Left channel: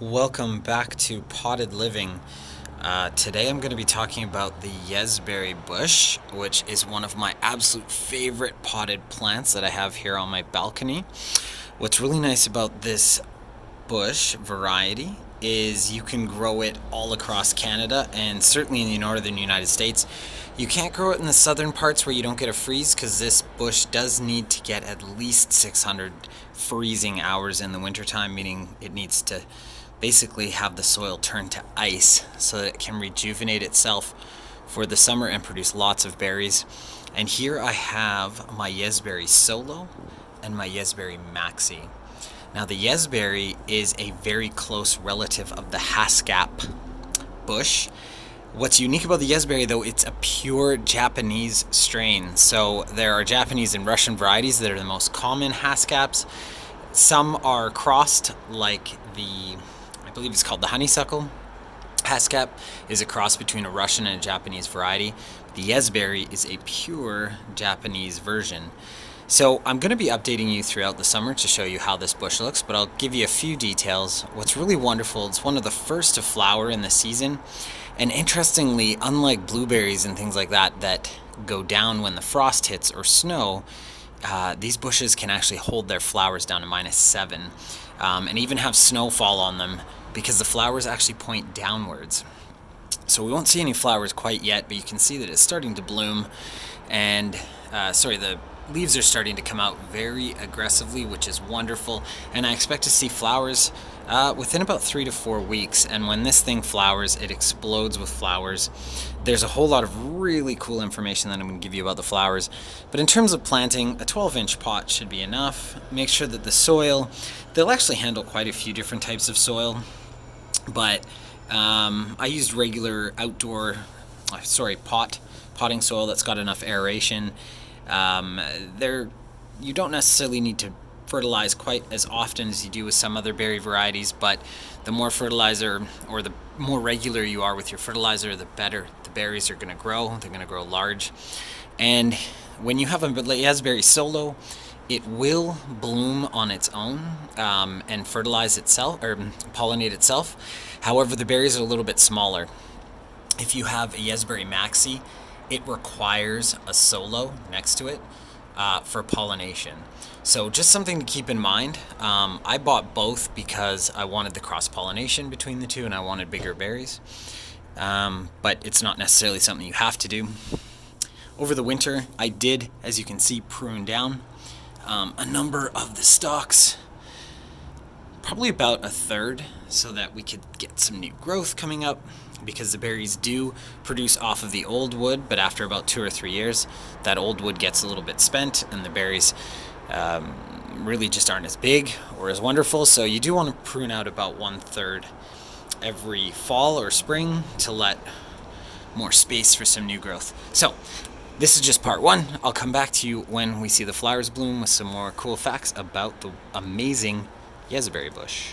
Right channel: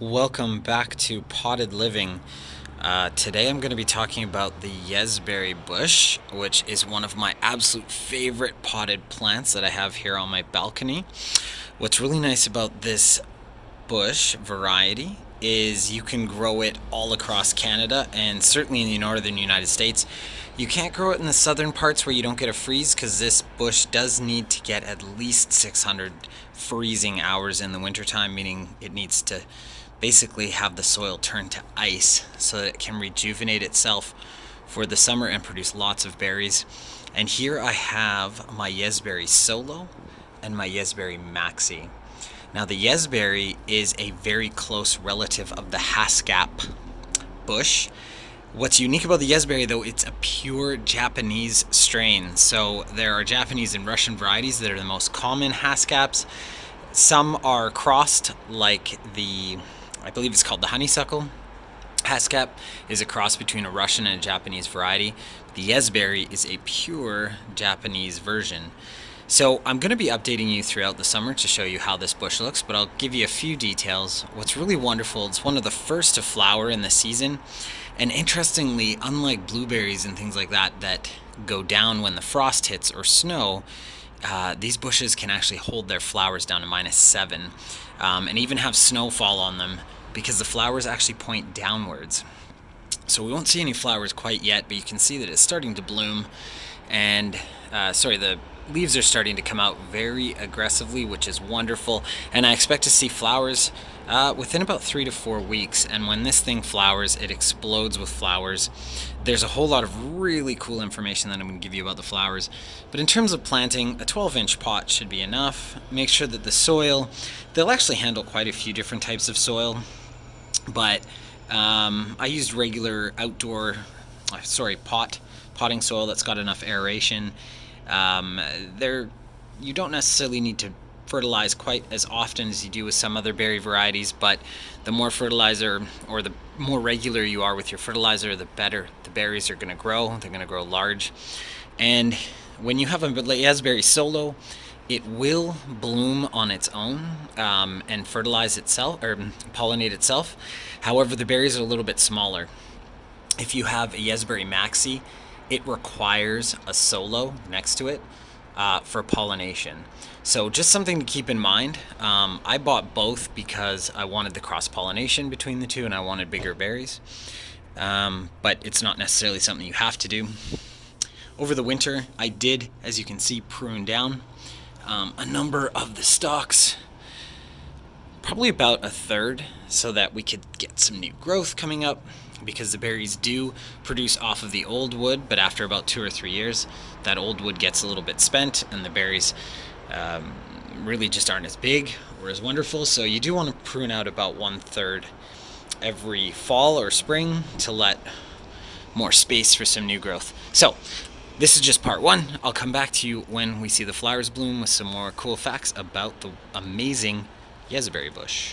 Welcome back to Potted Living. Today I'm going to be talking about the Yezberry bush, which is one of my absolute favorite potted plants that I have here on my balcony. What's really nice about this bush variety is you can grow it all across Canada and certainly in the northern United States. You can't grow it in the southern parts where you don't get a freeze because this bush does need to get at least 600 freezing hours in the wintertime, meaning it needs to basically have the soil turn to ice so that it can rejuvenate itself for the summer and produce lots of berries. And here I have my Yexberry Solo and my Yezberry Maxie. Now the Yezberry is a very close relative of the Haskap bush. What's unique about the Yezberry though, it's a pure Japanese strain. So there are Japanese and Russian varieties that are the most common Haskaps. Some are crossed, like I believe it's called the honeysuckle. Haskap is a cross between a Russian and a Japanese variety. The Yezberry is a pure Japanese version. So I'm going to be updating you throughout the summer to show you how this bush looks, but I'll give you a few details. What's really wonderful, it's one of the first to flower in the season. And interestingly, unlike blueberries and things like that go down when the frost hits or snow, these bushes can actually hold their flowers down to -7 and even have snowfall on them because the flowers actually point downwards. So we won't see any flowers quite yet, but you can see that it's starting to bloom, and the leaves are starting to come out very aggressively, which is wonderful. And I expect to see flowers within about 3 to 4 weeks. And when this thing flowers, it explodes with flowers. There's a whole lot of really cool information that I'm going to give you about the flowers. But in terms of planting, a 12-inch pot should be enough. Make sure that the soil, they'll actually handle quite a few different types of soil. But I used regular outdoor, potting soil that's got enough aeration. You don't necessarily need to fertilize quite as often as you do with some other berry varieties, but the more fertilizer or the more regular you are with your fertilizer, the better the berries are going to grow. They're going to grow large. And when you have a Yezberry Solo, it will bloom on its own and fertilize itself or pollinate itself. However, the berries are a little bit smaller. If you have a Yezberry Maxie, it requires a Solo next to it for pollination. So just something to keep in mind. I bought both because I wanted the cross-pollination between the two and I wanted bigger berries. But it's not necessarily something you have to do. Over the winter, I did, as you can see, prune down a number of the stalks, probably about a third, so that we could get some new growth coming up, because the berries do produce off of the old wood, but after about 2 or 3 years, that old wood gets a little bit spent and the berries really just aren't as big or as wonderful. So you do want to prune out about 1/3 every fall or spring to let more space for some new growth. So this is just part 1. I'll come back to you when we see the flowers bloom with some more cool facts about the amazing Yezberry bush.